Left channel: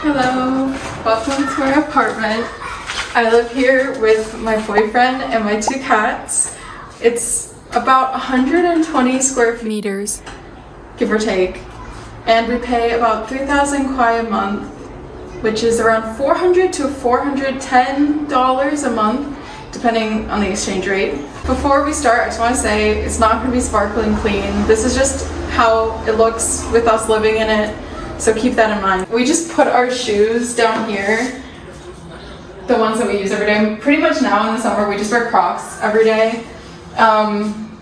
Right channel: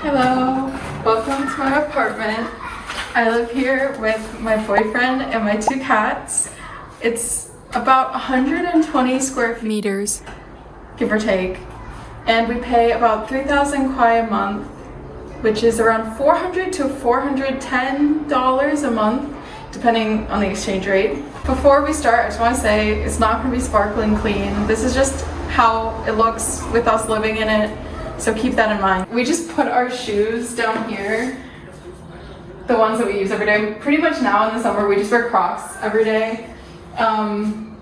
Hello, welcome to my apartment. I live here with my boyfriend and my two cats. It's about 120 square meters, give or take, and we pay about 3,000 kwai a month, which is around $400 to $410 a month, depending on the exchange rate. Before we start, I just want to say it's not going to be sparkling clean. This is just how it looks with us living in it, so keep that in mind. We just put our shoes down here, the ones that we use every day. Pretty much now in the summer we just wear Crocs every day. And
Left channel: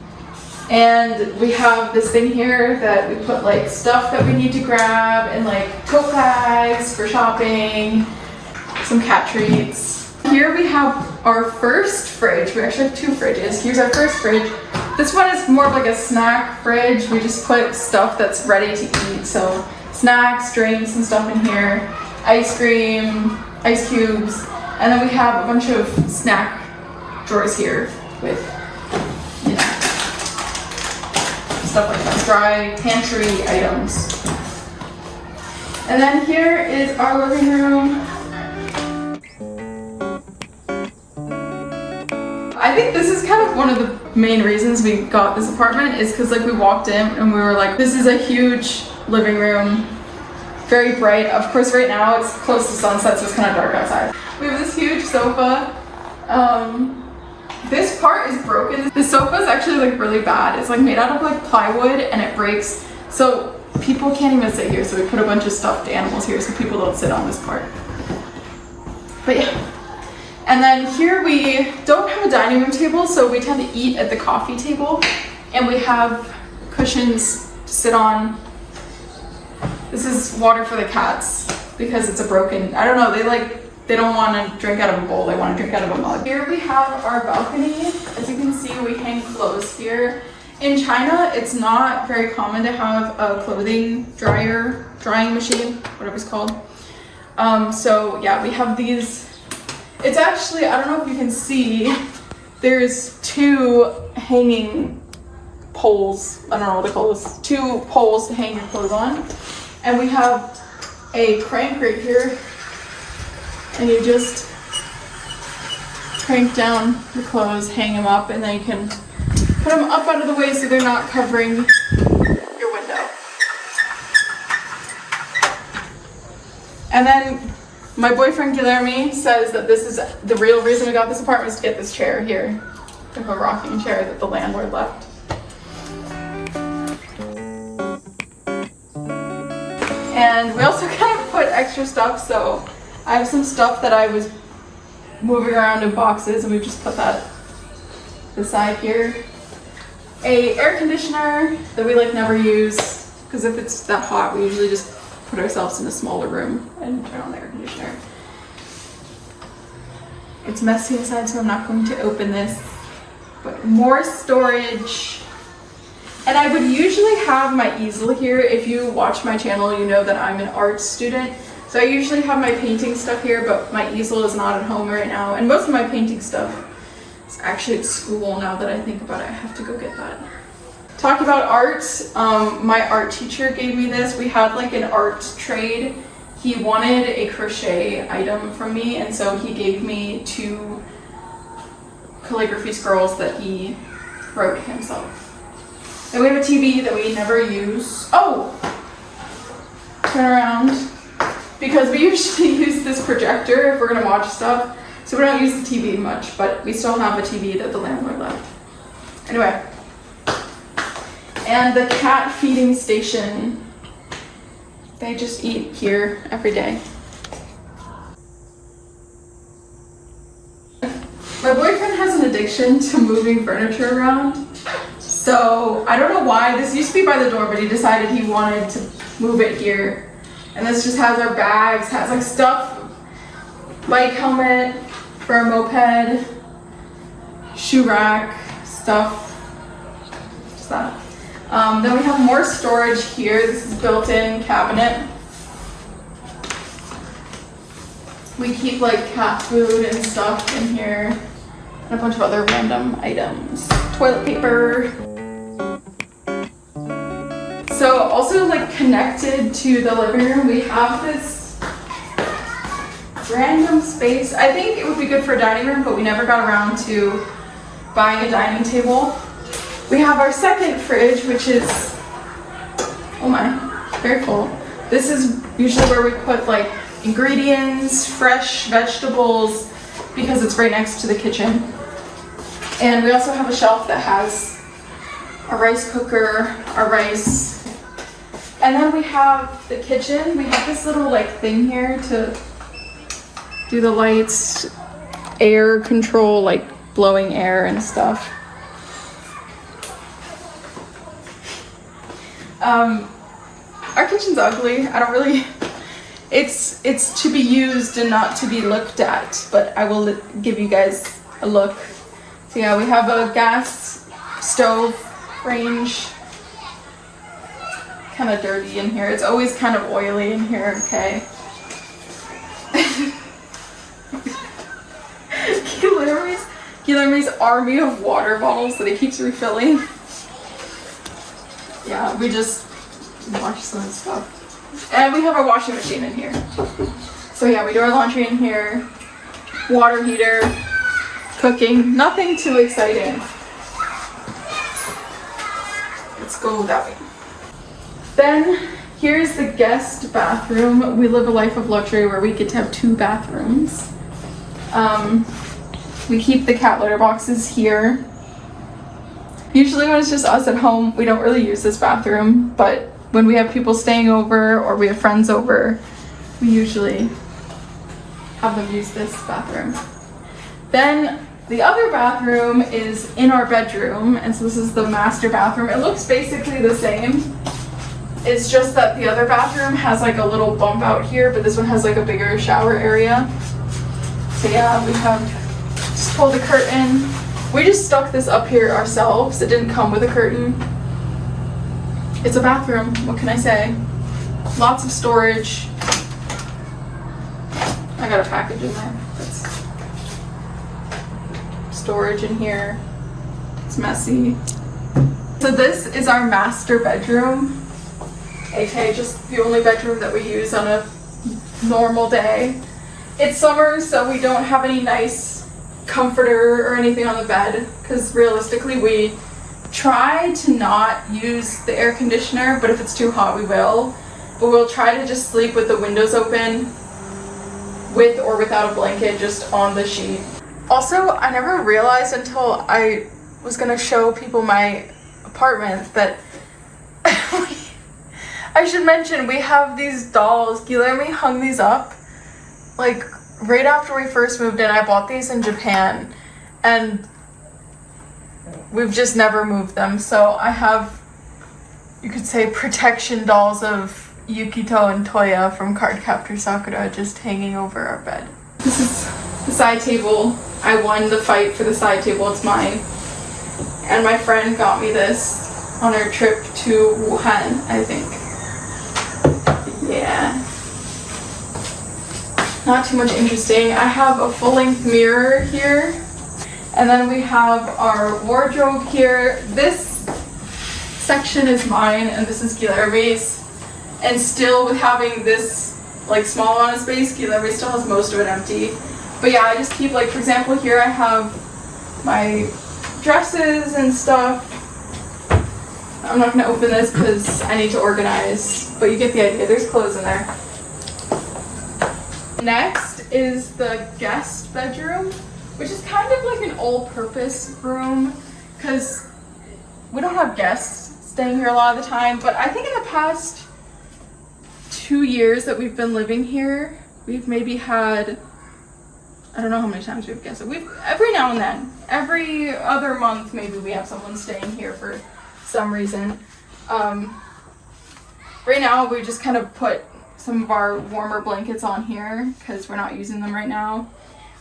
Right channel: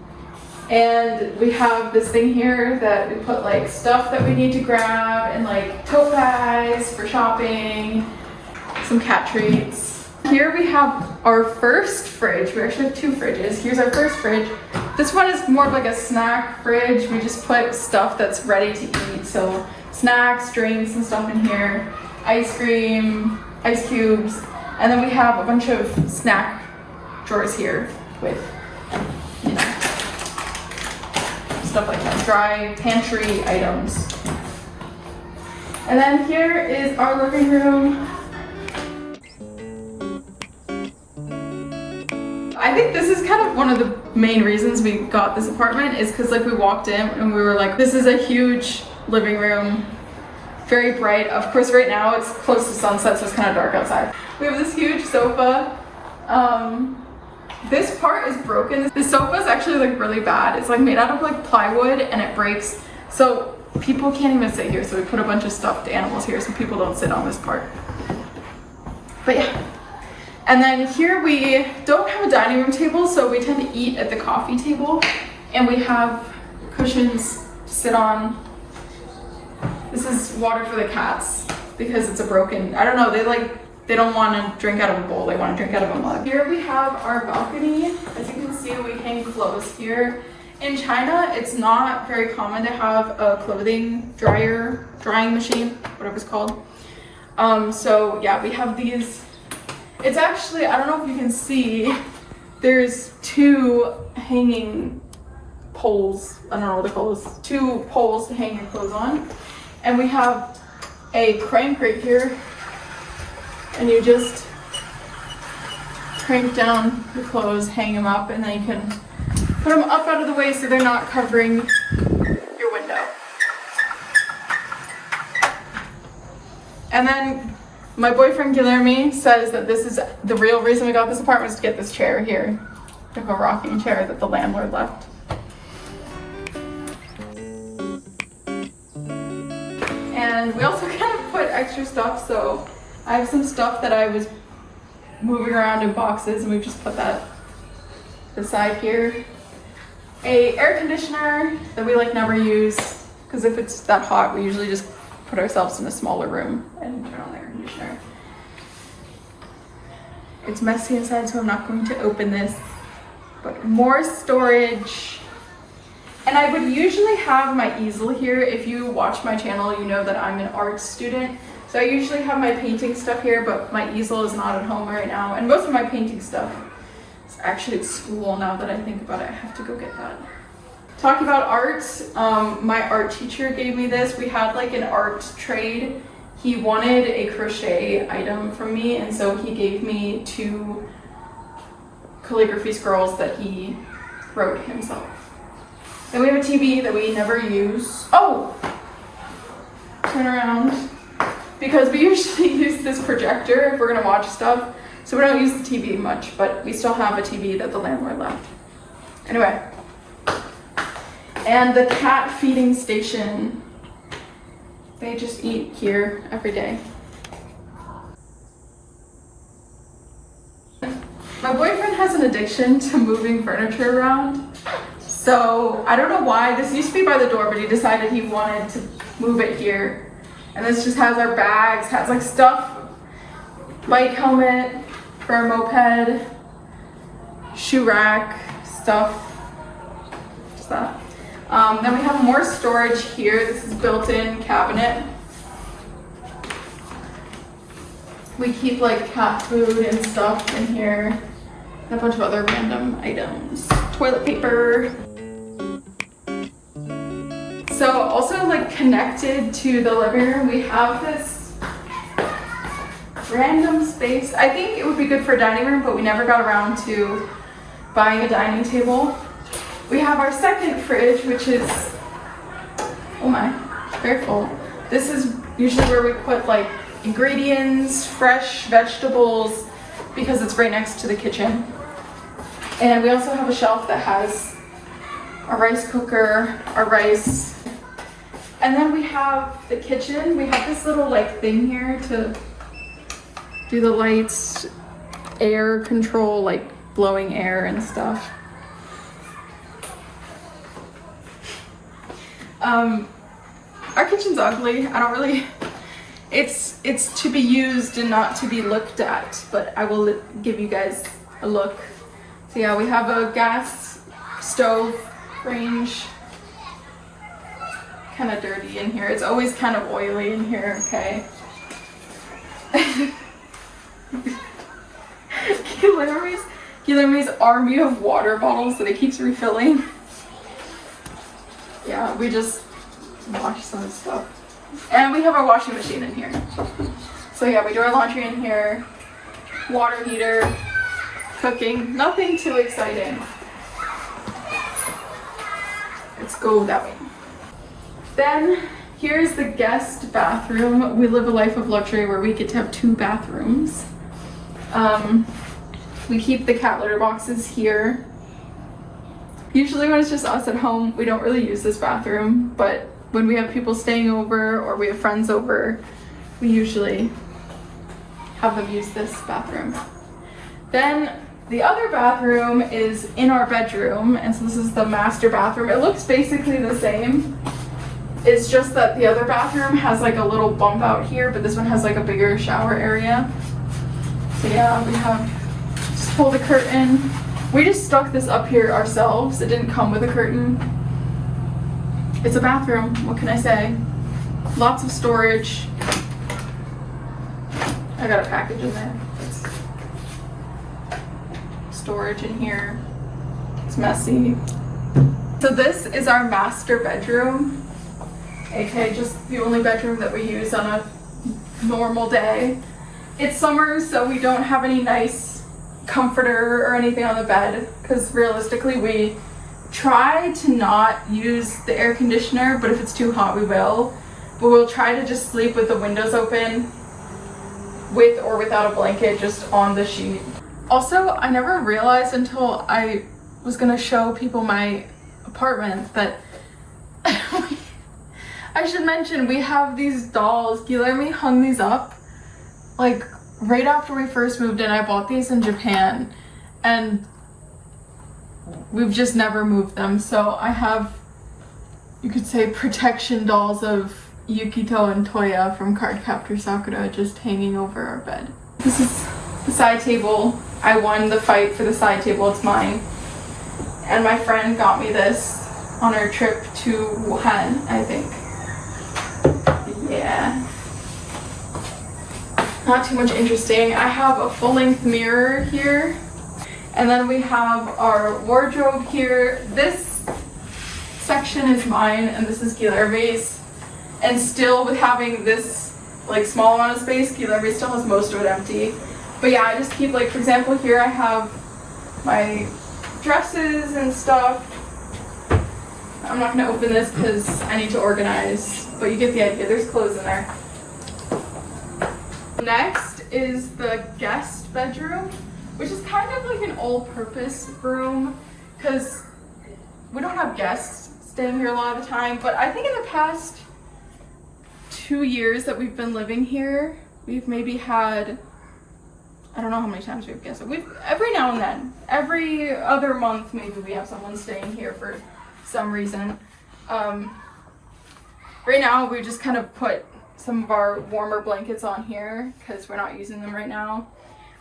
we have this thing here that we put like stuff that we need to grab and like tote bags for shopping, some cat treats. Here we have our first fridge. We actually have two fridges. Here's our first fridge. This one is more of like a snack fridge. We just put stuff that's ready to eat. So snacks, drinks and stuff in here. Ice cream, ice cubes. And then we have a bunch of snack drawers here with, you know, stuff like that, dry pantry items. And then here is our living room. I think this is kind of one of the main reasons we got this apartment is because like we walked in and we were like, this is a huge living room, very bright. Of course right now it's close to sunset, so it's kind of dark outside. We have this huge sofa. This part is broken. The sofa is actually like really bad. It's like made out of like plywood and it breaks. So people can't even sit here. So we put a bunch of stuffed animals here so people don't sit on this part. But yeah. And then here we don't have a dining room table, so we tend to eat at the coffee table. And we have cushions to sit on. This is water for the cats because it's a broken, I don't know, they don't want to drink out of a bowl, they want to drink out of a mug. Here we have our balcony. As you can see, we hang clothes here. In China, it's not very common to have a clothing drying machine, whatever it's called. So yeah, we have these. It's actually, I don't know if you can see, there's two hanging poles, I don't know what to call this, two poles to hang your clothes on. And we have a crank right here, and you just crank down the clothes, hang them up, and then you can put them up out of the way so they're not covering your window. And then my boyfriend Guilherme says that this is the real reason we got this apartment, is to get this chair here, the rocking chair that the landlord left. And we also kind of put extra stuff, so I have some stuff that I was moving around in boxes and we've just put that beside here. A air conditioner that we like never use, because if it's that hot we usually just put ourselves in a smaller room and turn on the air conditioner. It's messy inside, so I'm not going to open this, but more storage. And I would usually have my easel here. If you watch my channel, you know that I'm an art student. So I usually have my painting stuff here, but my easel is not at home right now. And most of my painting stuff is actually at school now that I think about it. I have to go get that. Talking about art, my art teacher gave me this. We had like an art trade. He wanted a crochet item from me, and so he gave me two calligraphy scrolls that he wrote himself. And we have a TV that we never use. Oh! Turn around. Because we usually use this projector if we're gonna watch stuff. So we don't use the TV much, but we still have a TV that the landlord left. Anyway. And the cat feeding station. They just eat here every day. My boyfriend has an addiction to moving furniture around. So I don't know why. This used to be by the door, but he decided he wanted to move it here. And this just has our bags, has like stuff, bike helmet for a moped, shoe rack, stuff, just that. Then we have more storage here. This is built-in cabinet. We keep like cat food and stuff in here, and a bunch of other random items. Toilet paper. So also like connected to the living room, we have this random space. I think it would be good for a dining room, but we never got around to buying a dining table. We have our second fridge, which is, oh my, very full. This is usually where we put like ingredients, fresh vegetables, because it's right next to the kitchen. And we also have a shelf that has our rice cooker, our rice. And then we have the kitchen. We have this little like thing here to do the lights, air control, like blowing air and stuff. Our kitchen's ugly. I don't really, it's to be used and not to be looked at, but I will give you guys a look. So yeah, we have a gas stove range. Kind of dirty in here. It's always kind of oily in here, okay? Guillermo's army of water bottles that he keeps refilling. Yeah, we just wash some of the stuff. And we have our washing machine in here. So yeah, we do our laundry in here. Water heater. Cooking. Nothing too exciting. Let's go that way. Then here's the guest bathroom. We live a life of luxury where we get to have 2 bathrooms. We keep the cat litter boxes here. Usually when it's just us at home, we don't really use this bathroom, but when we have people staying over or we have friends over, we usually have them use this bathroom. Then the other bathroom is in our bedroom, and so this is the master bathroom. It looks basically the same. It's just that the other bathroom has like a little bump out here, but this one has like a bigger shower area. So yeah, we have, just pull the curtain. We just stuck this up here ourselves. It didn't come with a curtain. It's a bathroom, what can I say? Lots of storage. I got a package in there. That's storage in here. It's messy. So this is our master bedroom. Okay, just the only bedroom that we use on a normal day. It's summer, so we don't have any nice comforter or anything on the bed, because realistically we try to not use the air conditioner, but if it's too hot we will. But we'll try to just sleep with the windows open, with or without a blanket, just on the sheet. Also, I never realized until I was gonna show people my apartment that I should mention we have these dolls. Guillermo hung these up like right after we first moved in. I bought these in Japan and we've just never moved them. So I have, you could say, protection dolls of Yukito and Toya from Cardcaptor Sakura just hanging over our bed. This is the side table. I won the fight for the side table. It's mine. And my friend got me this on our trip to Wuhan, I think. Yeah. Not too much interesting. I have a full-length mirror here. And then we have our wardrobe here. This section is mine and this is Guillermo's. And still with having this like small amount of space, Guillermo still has most of it empty. But yeah, I just keep, like, for example, here I have my dresses and stuff. I'm not gonna open this because I need to organize, but you get the idea. There's clothes in there. Next is the guest bedroom, which is kind of like an all-purpose room because we don't have guests staying here a lot of the time, but I think in the past 2 years that we've been living here, we've maybe had, I don't know how many times we've guessed it. We've, every now and then, every other month maybe we have someone staying here for some reason. Right now we just kind of put some of our warmer blankets on here because we're not using them right now.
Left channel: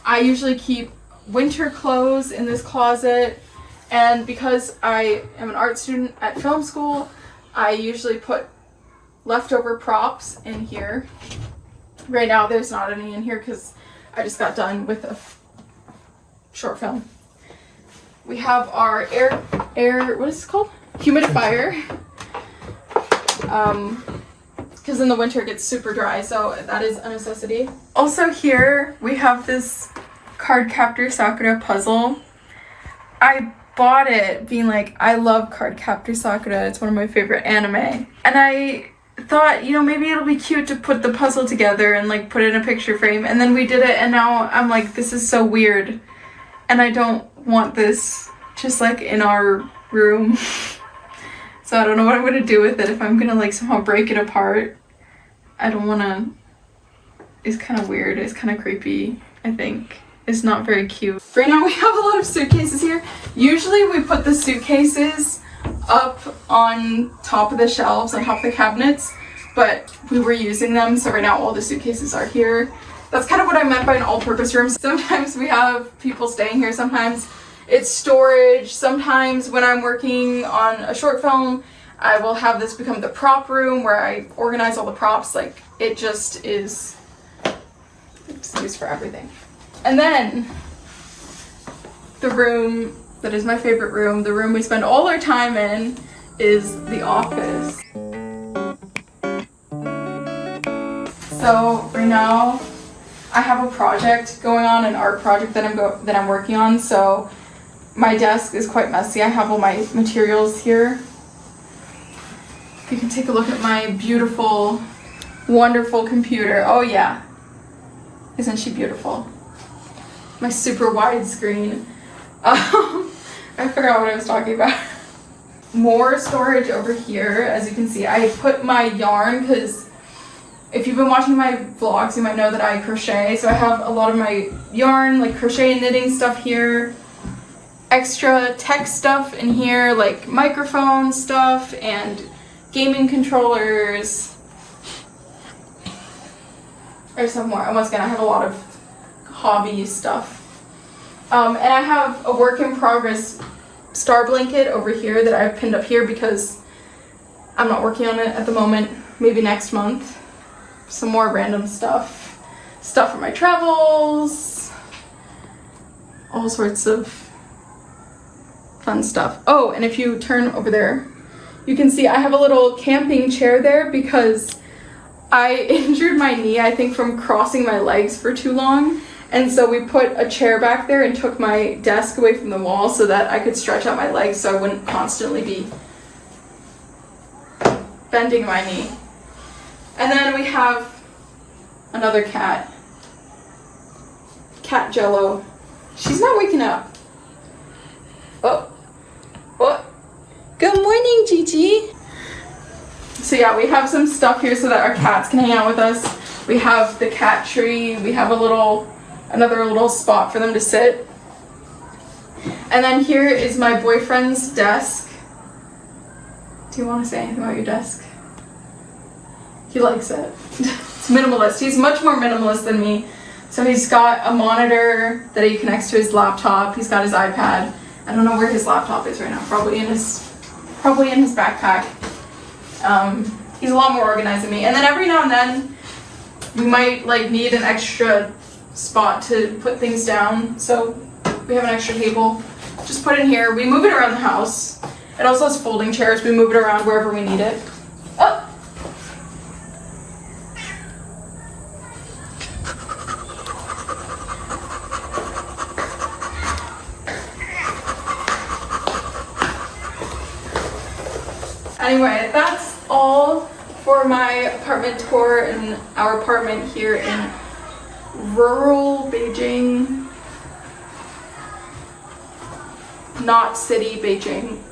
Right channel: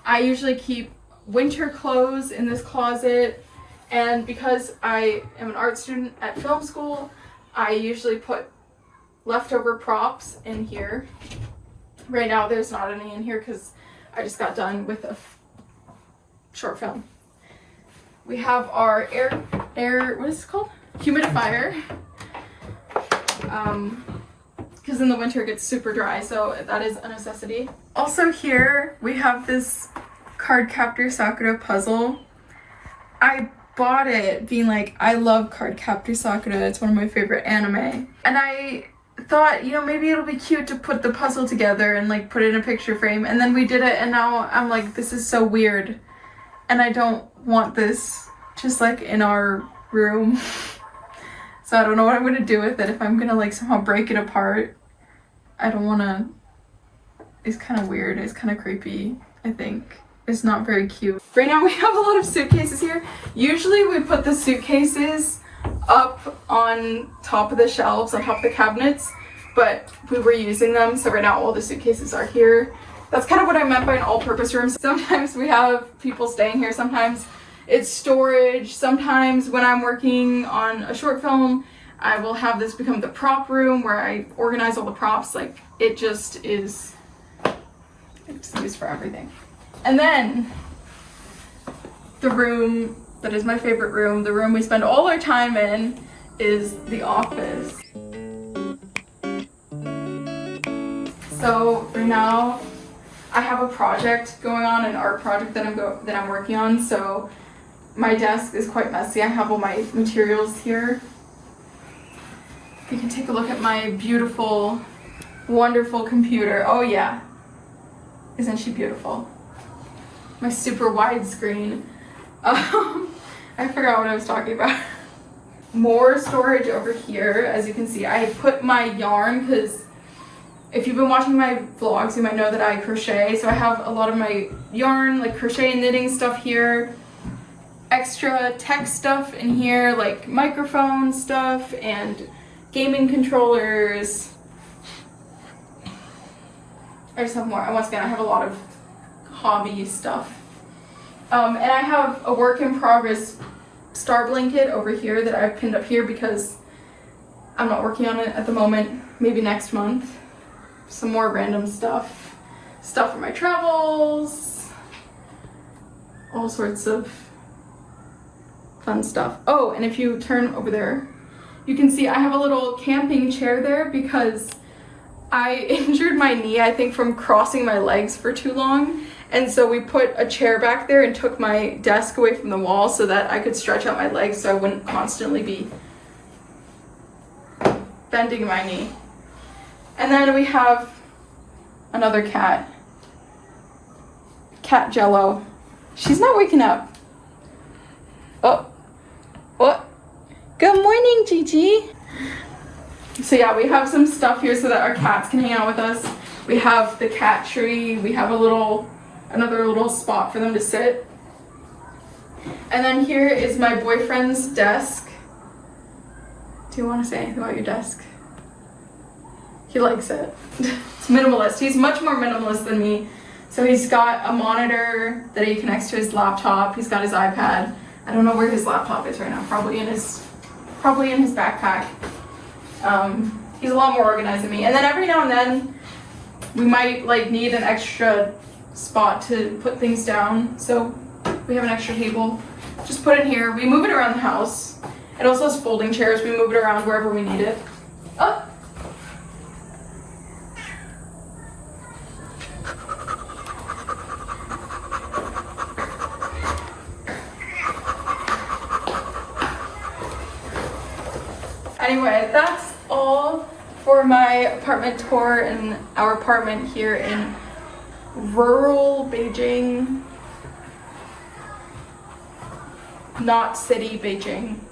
I usually keep winter clothes in this closet, and because I am an art student at film school, I usually put leftover props in here. Right now there's not any in here because I just got done with a short film. We have our air, what is this called? Humidifier. because in the winter it gets super dry, so that is a necessity. Also here we have this Cardcaptor Sakura puzzle. I bought it being like, I love Cardcaptor Sakura, it's one of my favorite anime. And I thought, you know, maybe it'll be cute to put the puzzle together and like put it in a picture frame. And then we did it and now I'm like, this is so weird. And I don't want this just like in our room. So I don't know what I'm gonna do with it, if I'm gonna like somehow break it apart. I don't wanna, it's kind of weird, it's kind of creepy, I think. It's not very cute. Right now we have a lot of suitcases here. Usually we put the suitcases up on top of the shelves, on top of the cabinets, but we were using them, so right now all the suitcases are here. That's kind of what I meant by an all-purpose room. Sometimes we have people staying here, sometimes it's storage, sometimes when I'm working on a short film, I will have this become the prop room where I organize all the props. Like, it just is, it's used for everything. And then the room that is my favorite room, the room we spend all our time in, is the office. So right now I have a project going on, an art project that I'm working on. So my desk is quite messy. I have all my materials here. You can take a look at my beautiful, wonderful computer. Oh yeah, isn't she beautiful? My super wide screen. I forgot what I was talking about. More storage over here. As you can see, I put my yarn because if you've been watching my vlogs, you might know that I crochet. So I have a lot of my yarn, like crochet and knitting stuff here. Extra tech stuff in here, like microphone stuff and gaming controllers. I just have more. And once again, I have a lot of hobby stuff. And I have a work in progress star blanket over here that I've pinned up here because I'm not working on it at the moment. Maybe next month. Some more random stuff. Stuff for my travels. All sorts of fun stuff. Oh, and if you turn over there, you can see I have a little camping chair there because I injured my knee, I think, from crossing my legs for too long. And so we put a chair back there and took my desk away from the wall so that I could stretch out my legs so I wouldn't constantly be bending my knee. And then we have another cat. Cat Jello. She's not waking up. Oh. What? Good morning, Gigi. So yeah, we have some stuff here so that our cats can hang out with us. We have the cat tree. We have another little spot for them to sit. And then here is my boyfriend's desk. Do you want to say anything about your desk? He likes it. It's minimalist. He's much more minimalist than me. So he's got a monitor that he connects to his laptop. He's got his iPad. I don't know where his laptop is right now. Probably in his backpack. He's a lot more organized than me. And then every now and then we might like need an extra spot to put things down. So we have an extra table. Just put it in here. We move it around the house. It also has folding chairs. We move it around wherever we need it. Oh. Anyway, that's all for my apartment tour in our apartment here in rural Beijing. Not city Beijing.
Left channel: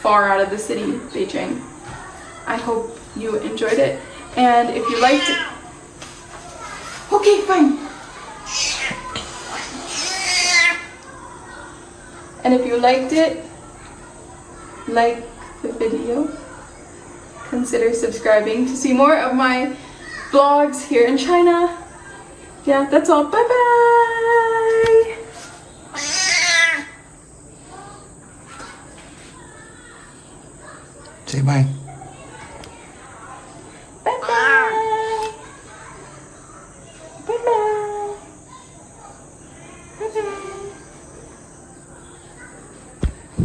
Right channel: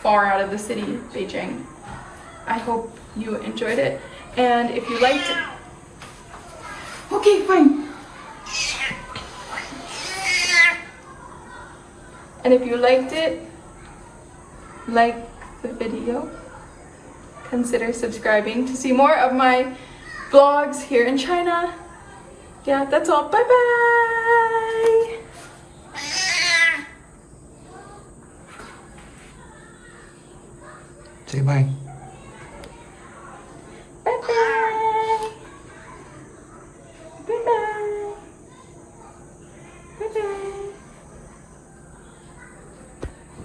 Far out of the city Beijing. I hope you enjoyed it. And if you liked it... Okay, fine. And if you liked it, like the video. Consider subscribing to see more of my vlogs here in China. Yeah, that's all. Bye-bye! Say bye.